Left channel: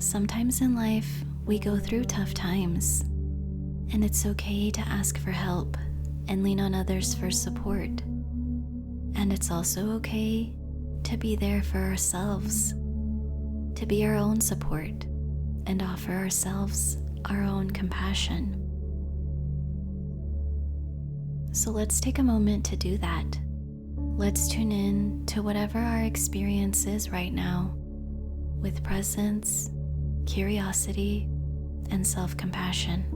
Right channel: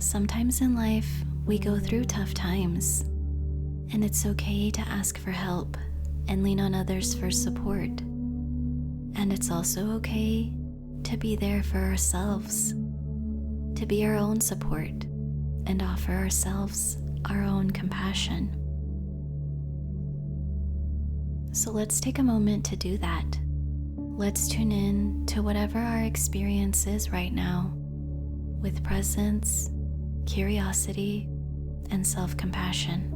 Sometimes in life, we go through tough times, and it's okay to ask for help and lean on others for support. And it's also okay to be there for ourselves, to be our own support, and offer ourselves our own compassion. So let's take a moment to do that. Let's tune in to whatever our experience is right now with presence, curiosity, and self-compassion.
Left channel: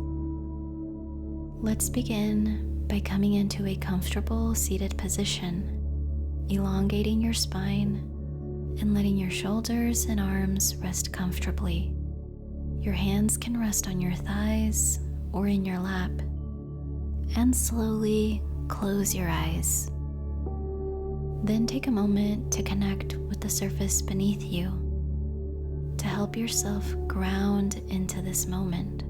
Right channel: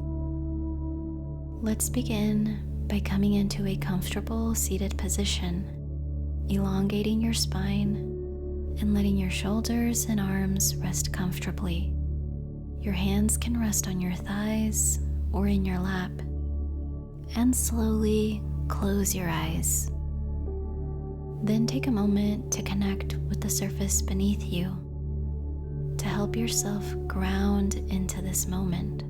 Let's begin by coming into a comfortable seated position, elongating your spine and letting your shoulders and arms rest comfortably. Your hands can rest on your thighs or in your lap, and slowly close your eyes. Then take a moment to connect with the surface beneath you to help yourself ground into this moment.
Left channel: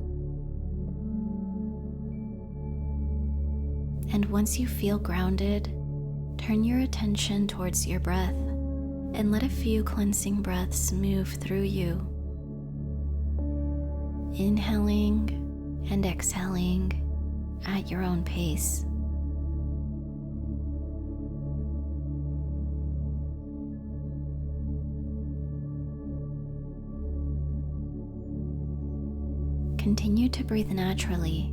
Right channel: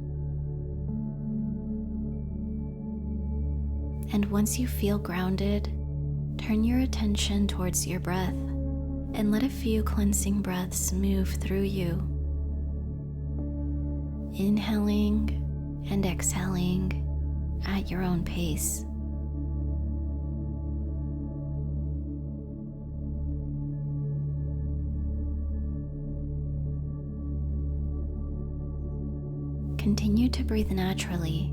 And once you feel grounded, turn your attention towards your breath and let a few cleansing breaths move through you. Inhaling and exhaling at your own pace. Continue to breathe naturally,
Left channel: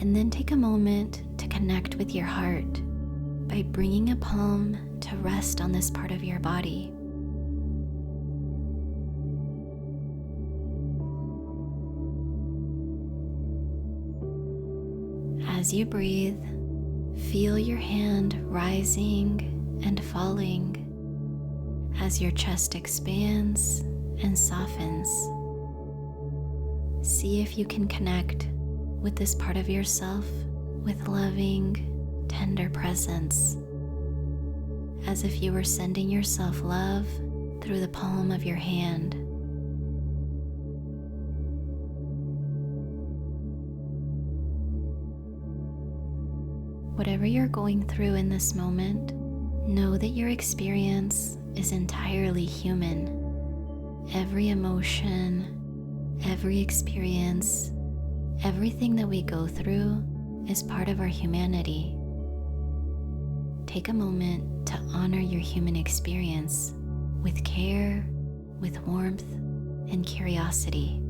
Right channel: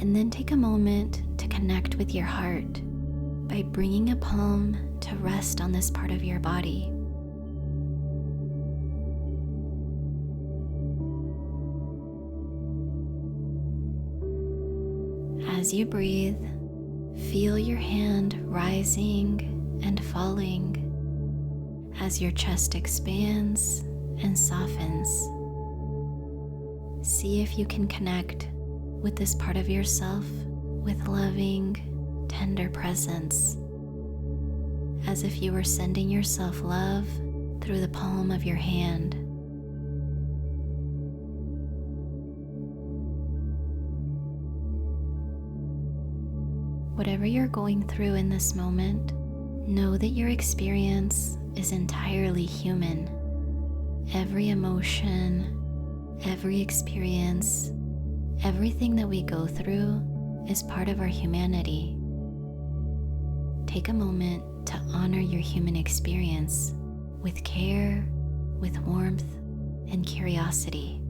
and then take a moment to connect with your heart by bringing a palm to rest on this part of your body. As you breathe, feel your hand rising and falling as your chest expands and softens. See if you can connect with this part of yourself with loving, tender presence, as if you were sending yourself love through the palm of your hand. Whatever you're going through in this moment, know that your experience is entirely human. Every emotion, every experience, everything that we go through is part of our humanity. Take a moment to honor your human experience with care, with warmth, and curiosity.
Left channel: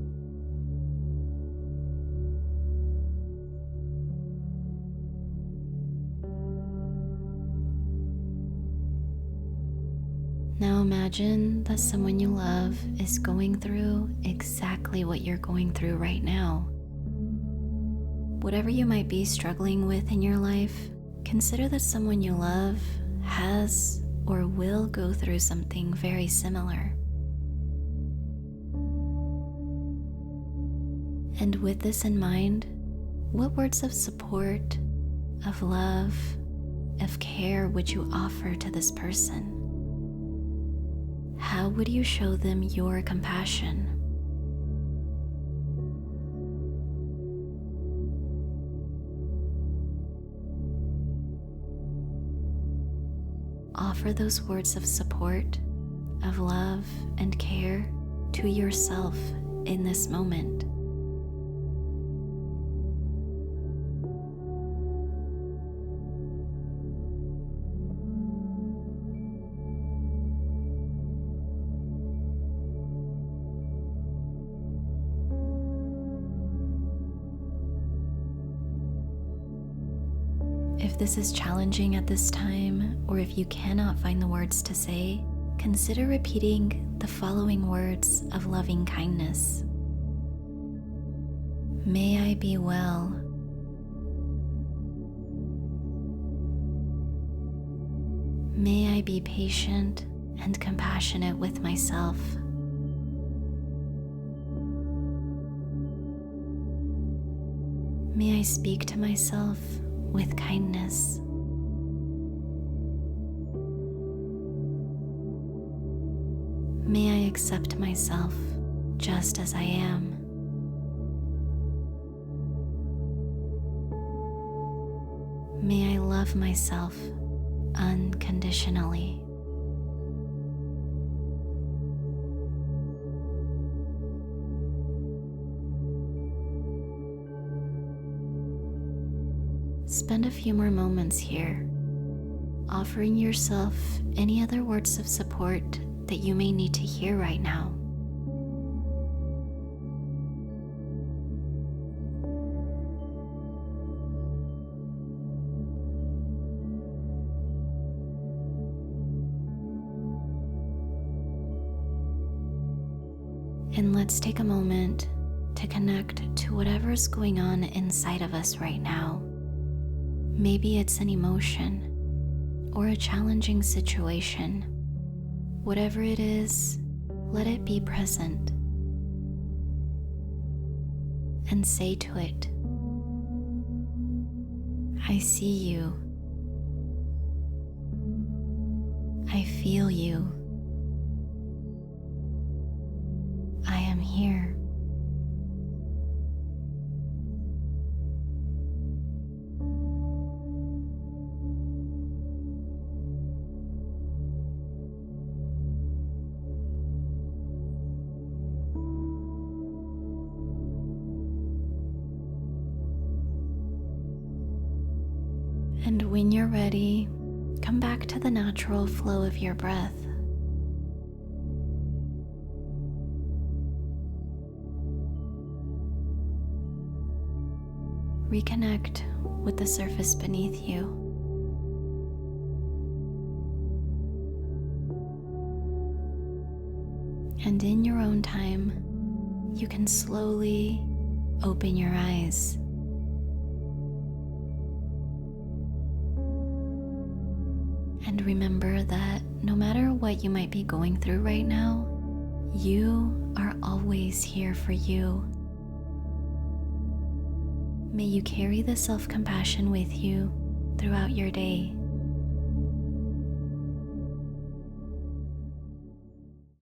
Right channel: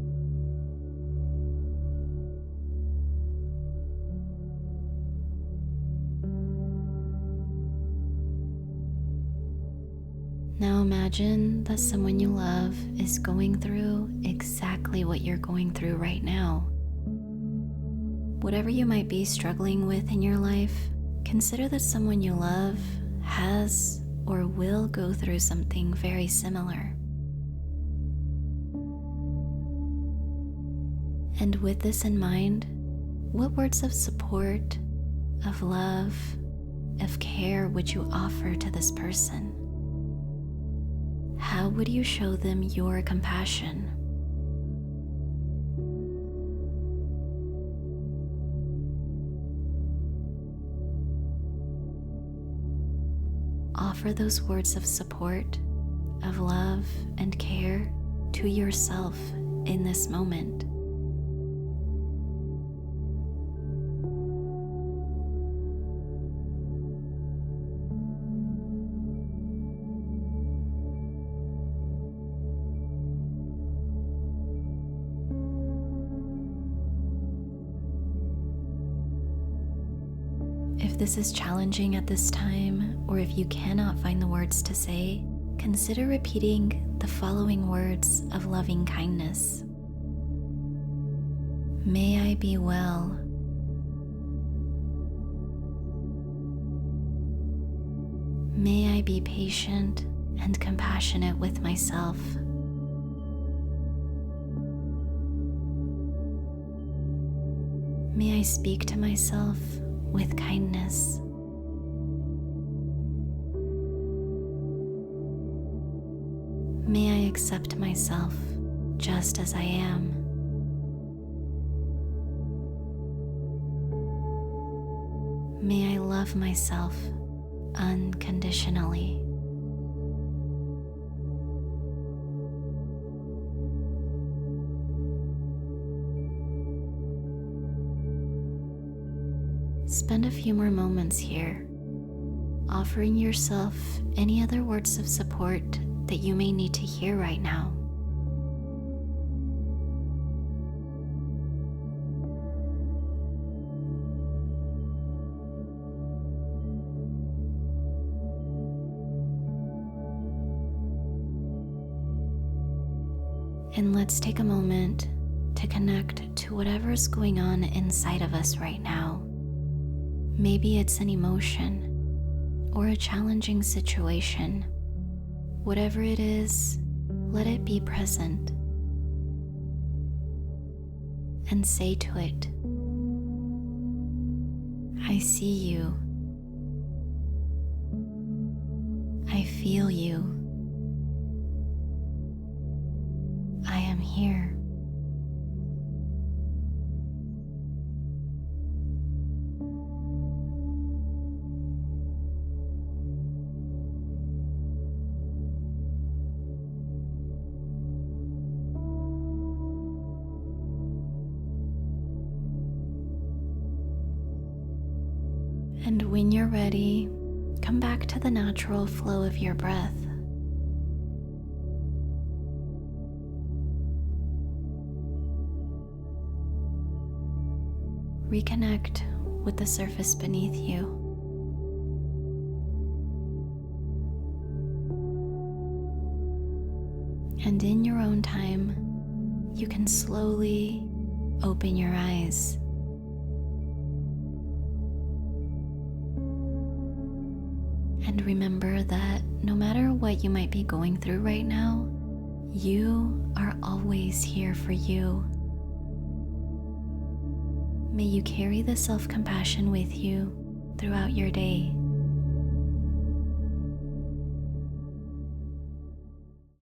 Now imagine that someone you love is going through exactly what you're going through right now. Whatever you might be struggling with in your life, consider that someone you love has or will go through something very similar. And with this in mind, what words of support, of love, of care would you offer to this person? How would you show them your compassion? Offer those words of support, of love and care to yourself in this moment. If this is challenging at this time, or if you cannot find the words to say, consider repeating the following words of loving kindness. May I be well. May I be patient and compassionate with myself. May I speak to myself with kindness. May I accept myself just as I am. May I love myself unconditionally. spend a few more moments here, offering yourself any other words of support that you may need to hear right now. And let's take a moment to connect to whatever's going on inside of us right now. Maybe it's an emotion or a challenging situation. Whatever it is, let it be present. And say to it, I see you. I feel you. I am here. And when you're ready, come back to the natural flow of your breath. Reconnect with the surface beneath you. And in your own time, you can slowly open your eyes. And remember that no matter what you might be going through right now, you are always here for you. May you carry the self-compassion with you throughout your day.